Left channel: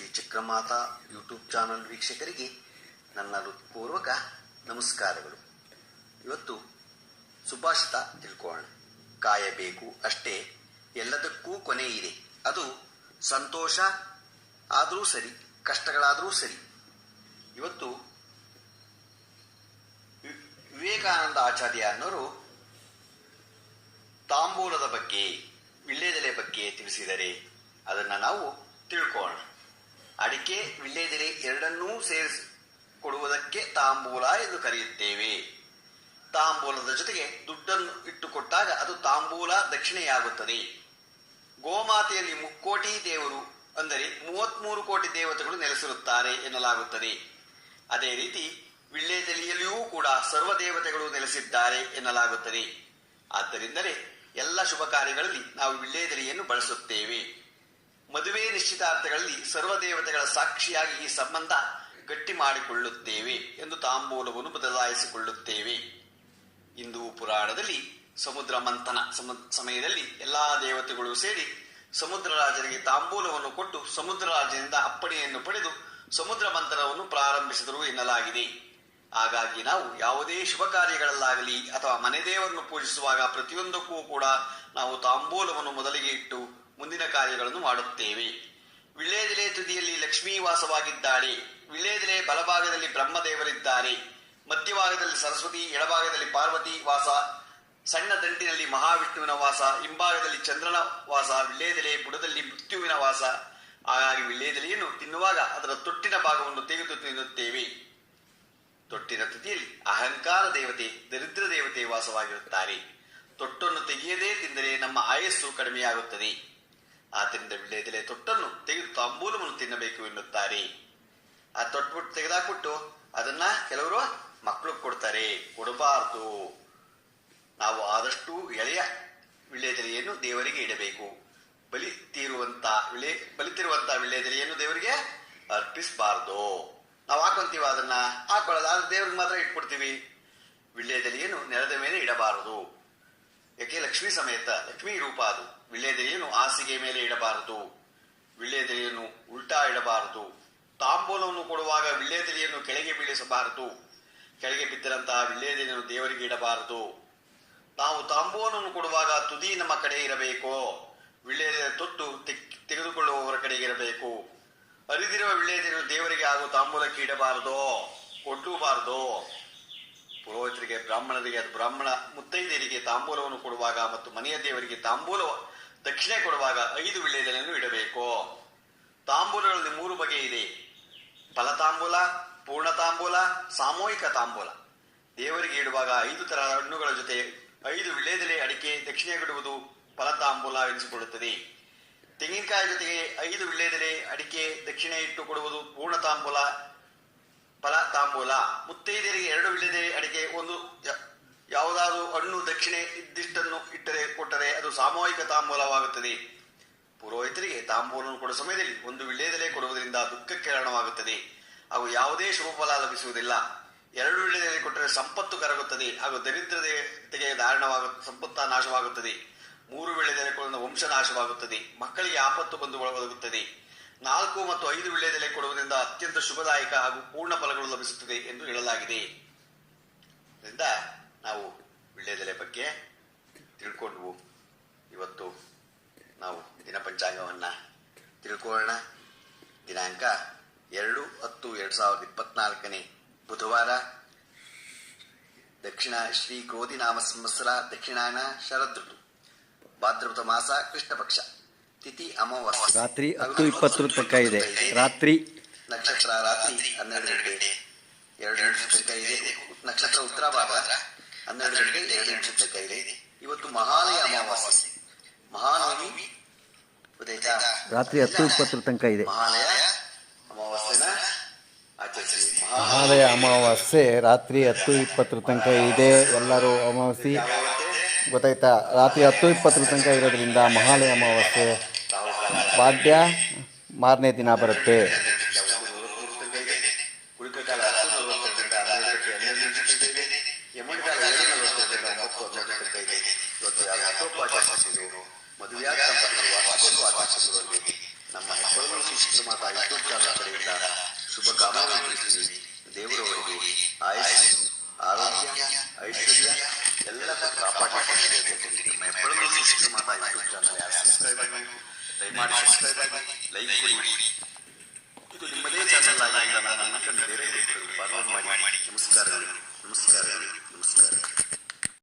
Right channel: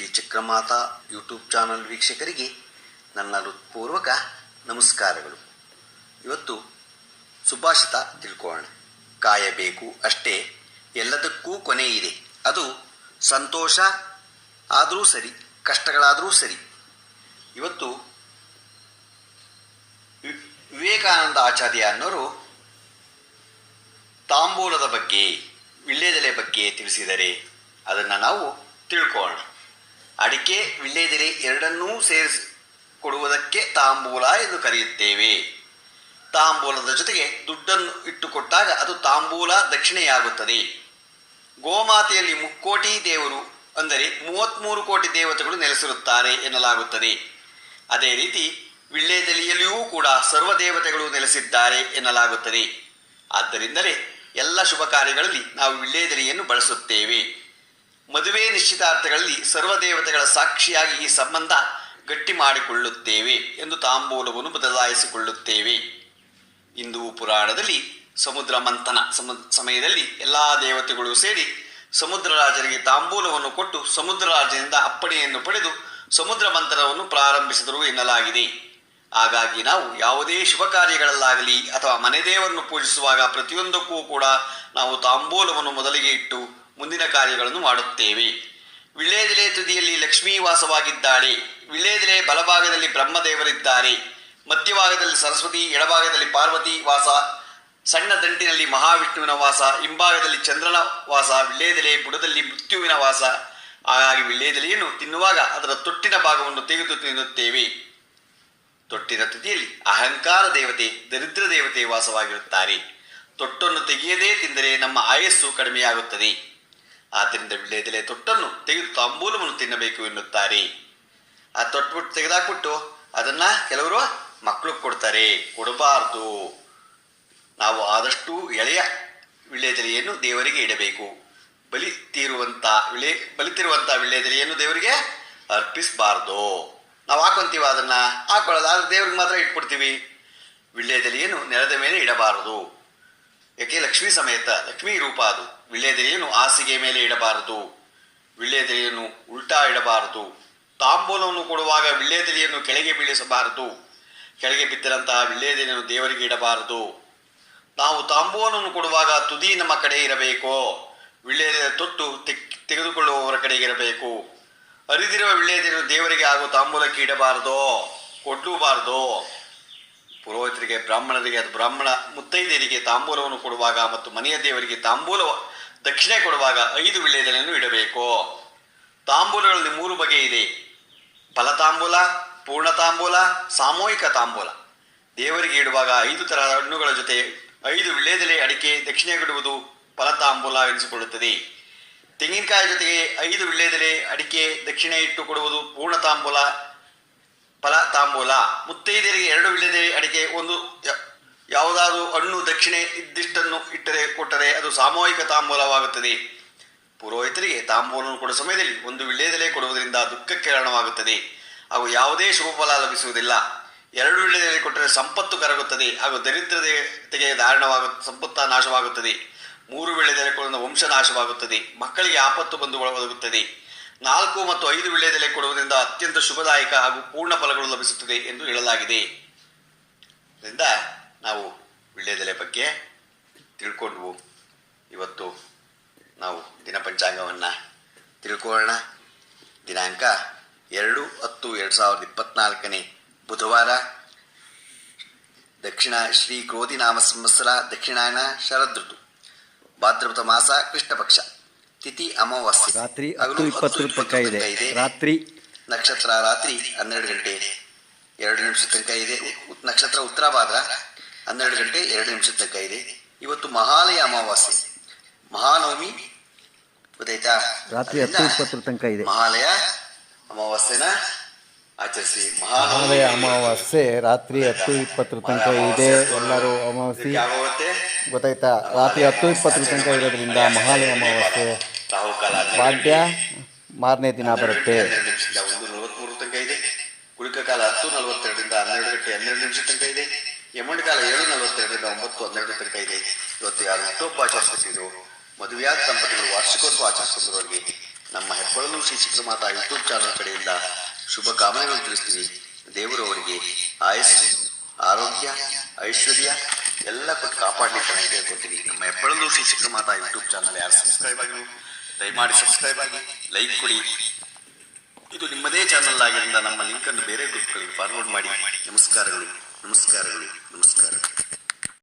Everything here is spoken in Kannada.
ಶ್ರೀ ಚಕ್ರಮಾತಾ ಯೂಟ್ಯೂಬ್ ಚಾನಲ್ ವೀಕ್ಷಕರಿಗೆ ನನ್ನ ಹೃತ್ಪೂರ್ವಕ ನಮಸ್ಕಾರಗಳು. ಇವತ್ತು ಸುಭಾಷಿತ ತಿಳ್ಕೊಳ್ಳೋಣ. ಕಾಯಬೇಕು ಅಷ್ಟೇ, ಎಲ್ಲದಕ್ಕೂ ಕೊನೆ ಇದೆ. ಅದು ಸಂತೋಷ ಆದರೂ ಸರಿ, ಕಷ್ಟಗಳಾದರೂ ಸರಿ. ಇವತ್ತು ವಿವೇಕಾನಂದ ಆಚಾರ್ಯ ಅನ್ನೋರು ತಾಂಬೂಲದ ಬಗ್ಗೆ ವಿಳ್ಳೆದೆಲೆ ಬಗ್ಗೆ ತಿಳಿಸಿದರೆ ಅದನ್ನು ನಾವು ತಿಳ್ಕೊಳ್ಳೋಣ. ಅಡಿಕೆ ವಿಳ್ಯದೆಲೆ ಎರಡನ್ನೂ ಸೇರಿಸಿ ಕೊಡುವುದಕ್ಕೆ ತಾಂಬೂಲ ಎಂದು ಕರೆಯುತ್ತೇವೆ. ತಾಂಬೂಲದ ಜೊತೆಗೆ ದುಡ್ಡನ್ನು ಇಟ್ಟುಕೊಟ್ಟಾಗ ಅದು ತಾಂಬೂಲ ದಕ್ಷಿಣೆಯಾಗುತ್ತದೆ. ಗೋಮಾತೆಯಲ್ಲಿ ಮುಕ್ಕೋಟಿ ದೇವರು ಅಂದರೆ ಮೂವತ್ಮೂರು ಕೋಟಿ ದೇವತೆಗಳು ನೆಲೆಸಿರುತ್ತಾರೆ ಎನ್ನಲಾಗುತ್ತದೆ. ಅದೇ ರೀತಿ ವಿಳ್ಳೆದೆಲೆಯಲ್ಲಿಯೂ ಕೂಡ ಸರ್ವ ದೇವತೆಗಳು ನೆಲೆಸಿದ್ದಾರೆ ಎನ್ನಲಾಗುತ್ತದೆ. ಆದ್ದರಿಂದಲೇ ಎಲ್ಲ ಶುಭ ಕಾರ್ಯಗಳಲ್ಲಿ ನಾವು ವಿಳ್ಳೆದೆಲೆಯನ್ನು ಬಳಸುತ್ತೇವೆ. ಮದುವೆ ನಿಶ್ಚಿತಾರ್ಥಗಳಲ್ಲಿ ಸರ್ವ ದೇವತೆಗಳ ಸಾಕ್ಷಿಯಾಗಿ ಈ ಸಂಬಂಧ ಗಟ್ಟಿ ಮಾಡಿಕೊಳ್ಳುತ್ತೇವೆ ಎಂದು ತಾಂಬೂಲವನ್ನು ಬದಲಾಯಿಸಿಕೊಳ್ಳುತ್ತೇವೆ. ಹಿಂದೂ ಪುರಾಣದಲ್ಲಿ ಸಮುದ್ರ ಮಂಥನ ಸಮ- ಸಮಯದಲ್ಲಿ ಎಲ್ಲ ದೇವತೆಗಳು ಸೇರಿ ಸಮುದ್ರ ರಾಜನಿಗೆ ತಾಂಬೂಲವನ್ನು ಕೊಟ್ಟು ಸಮುದ್ರ ರಾಜನಿಂದ ಅಪ್ಪಣೆಯನ್ನು ಪಡೆದು ಸಮುದ್ರ ಮಂಥನವನ್ನು ಪ್ರಾರಂಭಿಸಿದರು ಎನ್ನಲಾಗಿದೆ. ಹಾಗಾಗಿ ನಾವು ಯಾವುದೇ ಶುಭ ಕಾರ್ಯಗಳಲ್ಲಾಗಲಿ ಅಥವಾ ಮನೆ ದೇವರನ್ನು ಪೂಜಿಸುವಾಗ ಪ್ರತಿಯೊಂದಕ್ಕೂ ಕೂಡ ನಾವು ತಾಂಬೂಲವನ್ನು ಮೊದಲಿಗೆ ಇಟ್ಟು ಮುಂದಿನ ಕಾರ್ಯಗಳನ್ನು ಮಾಡುತ್ತೇವೆ. ವಿಳೇದೆಲೆ ತುದಿಯಲ್ಲಿ ಲಕ್ಷ್ಮೀ ವಾಸವಾಗಿದ್ದಾಳೆ. ವಿಳ್ಯದೆಲೆ ಬಲಭಾಗದಲ್ಲಿ ಬ್ರಹ್ಮದೇವರಿದ್ದಾರೆ. ಮಧ್ಯಭಾಗದಲ್ಲಿ ಸರಸ್ವತಿ, ಎಡಭಾಗದಲ್ಲಿ ಪಾರ್ವತಿ ವಾಸ, ಸಣ್ಣ ದಂಟಿನಲ್ಲಿ ಮಹಾವಿಷ್ಣುವಿನ ವಾಸ, ಹಿಂಭಾಗದಲ್ಲಿ ಚಂದ್ರನ ವಾಸ ವಿಳೇದೆಲೆ ಬುಡದಲ್ಲಿ ಮೃತ್ಯುವಿನ ವಾಸ. ಹಾಗಾಗಿ ವಿಳ್ಯದೆಲೆಯನ್ನು ತಿನ್ನುವಾಗ ಅದರ ತೊಟ್ಟಿನ ಭಾಗವನ್ನು ತೆಗೆದು ತಿನ್ನುತ್ತೇವೆ. ತೊಟ್ಟಿನ ತುದಿಯಲ್ಲಿ ಅಹಂಕಾರ ದೇವತೆ, ದರಿದ್ರ ದೇವತೆ ವಾಸವಾಗಿರುತ್ತಾರೆ. ತೊಟ್ಟನ್ನು ತೆಗೆಯದೇ ತಿಂದರೆ ನಮ್ಮ ಆಯಸ್ಸು ಕಡಿಮೆಯಾಗುತ್ತದೆ. ಆದ್ದರಿಂದ ವಿಳ್ಯದೆಲೆ ತೊಟ್ಟನ್ನು ತೆಗೆದು ತಾಂಬೂಲವನ್ನು ತಿನ್ನಬೇಕು ಎನ್ನುತ್ತಾರೆ. ಆ ತೊಟ್ಬಿಟ್ಟು ತೆಗೆದಾಕ್ಬಿಟ್ಟು ಅದನ್ನ ಕೆಲವರು ಮಕ್ಕಳು ಕೊಡ್ತಾರೆ. ಕೊಡಬಾರದು. ನಾವು ಆದಷ್ಟು ಎಳೆಯ ವಿಳ್ಯದೆಲೆಯನ್ನು ದೇವರಿಗೆ ಇಡಬೇಕು. ಬಲಿ ತೀರುವಂತ ವಿಳೆ ಬಲಿತಿರುವಂತ ವಿಳ್ಯದೆಲೆಯನ್ನು ದೇವರಿಗೆ ಅರ್ಪಿಸಬಾರ್ದು. ನಾವು ಹಾಕೊಂತೀವ ಅದನ್ನ? ಹಾಕೊಳ್ಳೋದು. ಆದ್ರೆ ದೇವ್ರಿಗೆ ಮಾತ್ರ ಇಟ್ಬಿಡ್ತೀವಿ. ವಿಳ್ಯದೆಲೆಯನ್ನು ನೆಲದ ಮೇಲೆ ಇಡಬಾರದು. ಯಾಕೆ ಲಕ್ಷ್ಮೀ ಸಮೇತ? ಲಕ್ಷ್ಮೀ ರೂಪ ಅದು. ವಿಳ್ಯದೆಲೆಯನ್ನು ಹಾಸಿಗೆ ಮೇಲೆ ಇಡಬಾರದು. ವಿಳ್ಯದೆಲೆಯನ್ನು ಉಲ್ಟಾ ಇಡಬಾರದು. ತಾಂಬೂಲವನ್ನು ಕೊಡುವಾಗ ವಿಳ್ಳೆದೆಲೆಯನ್ನು ಕೆಳಗೆ ಬೀಳಿಸಬಾರದು. ಕೆಳಗೆ ಬಿದ್ದಿರಂತಹ ವಿಳ್ಳೆದೆಲೆಯನ್ನು ದೇವರಿಗೆ ಇಡಬಾರದು. ನಾವು ತಾಂಬೂಲವನ್ನು ಕೊಡುವಾಗ ತುದಿ ನಮ್ಮ ಕಡೆ ಇರಬೇಕು. ವಿಳ್ಳೆದೆಲೆ ತೊಟ್ಟು ತೆಗ್- ತೆಗೆದುಕೊಳ್ಳುವವರ ಕಡೆಗೆ ಇರಬೇಕು. ಅರಿದಿರುವ ವಿಳ್ಳೆದೆಲೆಯನ್ನು ದೇವರಿಗೆ ಹಾಗೂ ತಾಂಬೂಲಕ್ಕೆ ಇಡಬಾರದು. ಕೊಡಲೂಬಾರದು. ಪುರೋಹಿತರಿಗೆ, ಬ್ರಾಹ್ಮಣರಿಗೆ, ಅದು ಬ್ರಾಹ್ಮಣ ಮುತ್ತೈದೆಯರಿಗೆ ತಾಂಬೂಲವನ್ನು ಕೊಡುವಾಗ ಮತ್ತು ಮನೆಯ ದೇವರಿಗೆ ತಾಂಬೂಲ ದಕ್ಷಿಣೆ ಕೊಡುವಾಗ ಐದು ವಿಳ್ಯದೆಲೆಯನ್ನು ಇಡಬೇಕು. ತಾಂಬೂಲಗಳಲ್ಲಿ ಮೂರು ಬಗೆ ಇದೆ. ಫಲತಾಂಬೂಲ ಪೂರ್ಣ ತಾಂಬೂಲ ಸಾಮೂಹಿಕ ತಾಂಬೂಲ. ದೇವರಿಗೆ ಇಡುವಾಗ ಐದು ತರಹದ ಹಣ್ಣುಗಳ ಜೊತೆ ಐದು ವಿಳ್ಯದೆಲೆ ಅಡಿಕೆ ದಕ್ಷಿಣೆ ಇಡುವುದು ಫಲತಾಂಬೂಲ ಎನಿಸಿಕೊಳ್ಳುತ್ತದೆ. ತೆಂಗಿನಕಾಯಿ ಜೊತೆಗೆ ಐದು ವಿಳ್ಯದೆಲೆ ಅಡಿಕೆ ದಕ್ಷಿಣೆ ಇಟ್ಟು ಕೊಡುವುದು ಪೂರ್ಣ ತಾಂಬೂಲ ಫಲ ತಾಂಬೂಲ. ಮುತ್ತೈದೆಯರಿಗೆ ಎರಡು ವಿಳ್ಯದೆ ಅಡಿಕೆ, ಒಂದು ಯಾವುದಾದರೂ ಹಣ್ಣು ದಕ್ಷಿಣೆ ಇದ್ದಿಷ್ಟನ್ನು ಇಟ್ಟರೆ ಕೊಟ್ಟರೆ ಅದು ಸಾಮೂಹಿಕ ತಾಂಬೂಲವಾಗುತ್ತದೆ. ಪುರೋಹಿತರಿಗೆ ತಾಂಬೂಲವನ್ನು ಕೊಡುವ ಸಮಯದಲ್ಲಿ ಒಂದು ವಿಳ್ಯದೆಲೆ ಕೊಡುವುದರಿಂದ ದುಃಖಕ್ಕೆ ಕಾರಣವಾಗುತ್ತದೆ. ಹಾಗೂ ಯಾವುದೇ ಶುಭ ಫಲ ಲಭಿಸುವುದಿಲ್ಲ. ಎರಡು ವಿಳ್ಯದೆಲೆ ಕೊಟ್ಟರೆ ಸಂಪತ್ತು ಕರಗುತ್ತದೆ ಹಾಗೂ ದರಿದ್ರತೆಗೆ ಧಾರಣವಾಗ, ಸಂಪತ್ತ ನಾಶವಾಗುತ್ತದೆ. ಮೂರು ವಿಳ್ಯದೆಲೆ ಕೊಡುವ ವಂಶ ನಾಶವಾಗುತ್ತದೆ. ಮಕ್ಕಳಿಗೆ ಆಪತ್ತು ಬಂದು ಒದಗುತ್ತದೆ ನಾಲ್ಕು ಮತ್ತು ಐದು ವಿಳ್ಯದೆಲೆ ಕೊಡುವುದರಿಂದ ಅತ್ಯಂತ ಶುಭದಾಯಕ ಹಾಗೂ ಪೂರ್ಣ ಫಲಗಳು ಲಭಿಸುತ್ತದೆ ಎಂದು ಹೇಳಲಾಗಿದೆ. ಇದರಿಂದ ನಾವು ವಿಳ್ಯದೆಲೆ ಬಗ್ಗೆ ತಿಳ್ಕೊಂಡ್ವು ಇವತ್ತು ನಾವು ದಿನ ಪಂಚಾಂಗವನ್ನು ತಿಳ್ಕೊಳ್ಳೋಣ. ದಿನಾಂಕ ಎರಡು ಹತ್ತು ಎರಡು ಸಾವಿರದ ಇಪ್ಪತ್ನಾಲ್ಕನೇ ಬುಧವಾರ. ದಕ್ಷಿಣ ಶ್ರೀ ಕ್ರೋಧಿ ನಾಮ ಸಂವತ್ಸರ ದಕ್ಷಿಣಾಯನ ಶರದೃತು ಭಾದ್ರಪದ ಮಾಸ ಕೃಷ್ಣ ಪಕ್ಷ ತಿಥಿ ಅಮಾವಾಸ್ಯೆ. ರಾತ್ರಿ ಹತ್ತು ಇಪ್ಪತ್ತರ ತನಕ ಇದೆ. ರಾತ್ರಿ ನಕ್ಷತ್ರ ರಾತ್ರಿ ಹನ್ನೆರಡು ಗಂಟೆ. ಎರಡು ನಿಮಿಷ ತನಕ ಇದೆ. ನಕ್ಷತ್ರ ಉತ್ತರ ಭಾಗ ಹನ್ನೆರಡು ಗಂಟೆ ಎರಡು ನಿಮಿಷ ತನಕ ಇದೆ. ಇವತ್ತು ಮಹಾಲಯ ಅಮಾವಾಸ್ಯೆ. ಮಹಾನವಮಿ. ಗೊತ್ತಾಯ್ತಾ? ರಾತ್ರಿ ಹತ್ತು ಇಪ್ಪತ್ತರ ತನಕ ಇದೆ. ಮಹಾಲಯ ಅಮಾವಾಸ್ಯೆನ ಆಚರಿಸಿ. ಮಹಾಲಯ ಅಮಾವಾಸ್ಯೆ ರಾತ್ರಿ ಹತ್ತು ಇಪ್ಪತ್ತರ ತನಕ ಇದೆ. ಎಲ್ಲರೂ ಅಮಾವಾಸ್ಯೆ. ಗೊತ್ತಾಯ್ತಾ? ರಾತ್ರಿ ಹತ್ತು ಇಪ್ಪತ್ತರ ತನಕ ಇರೋದ್ರಿಂದ ಮಹಾಲಯ ಅಮಾವಾಸ್ಯೆ. ಪಾಡ್ಯ ಮಾರನೇ ದಿನ ಬರುತ್ತೆ. ಒಂದು ನಲವತ್ಮೂರು ತನಕ ಇದೆ ಕುಳಿಕ ಕಾಲ ಹತ್ತು ನಲವತ್ತೆರಡರಿಂದ ಹನ್ನೆರಡು ಗಂಟೆ ಹನ್ನೆರಡು ನಿಮಿಷ ತನಕ ಇದೆ ಯಮುಂಡಿ ಕಾಲ ಏಳು ನಲವತ್ತೆರಡರಿಂದ ಹನ್ನೆರಡು ತನಕ ಇದೆ ಇವತ್ತು ಯಾರು ನಮ್ಮ ಮಾತಾ ಚಾನಲ್ ಕಡೆಯಿಂದ ಶುಭ ಆಯಸ್ಸು ಆರೋಗ್ಯ ಐಶ್ವರ್ಯ ಎಲ್ಲ ಕಾಪಾಡಲಿಕ್ಕೆ ನಮ್ಮ ಹೆಬ್ಬಳಲು ಶಿಕ್ಷಣ ಮಾತಾ ಯೂಟ್ಯೂಬ್ ಚಾನಲ್ ಯಾರು ಸಬ್ಸ್ಕ್ರೈಬ್ ದಯಮಾಡಿ ಸಬ್ಸ್ಕ್ರೈಬ್ ಆಗಿ ಲೈಕ್ ಕೊಡಿ. ಇದು ನಿಮ್ಮದೇ ಚಾನಲ್ ಆಗಿದ್ದರಿಂದ ನಮ್ಮ ಲಿಂಕನ್ನು ಬೇರೆ ಬಿಟ್ಟು ಫಾರ್ವರ್ಡ್ ಮಾಡಿ. ನಮಸ್ಕಾರಗಳು. ನಮಸ್ಕಾರಗಳು.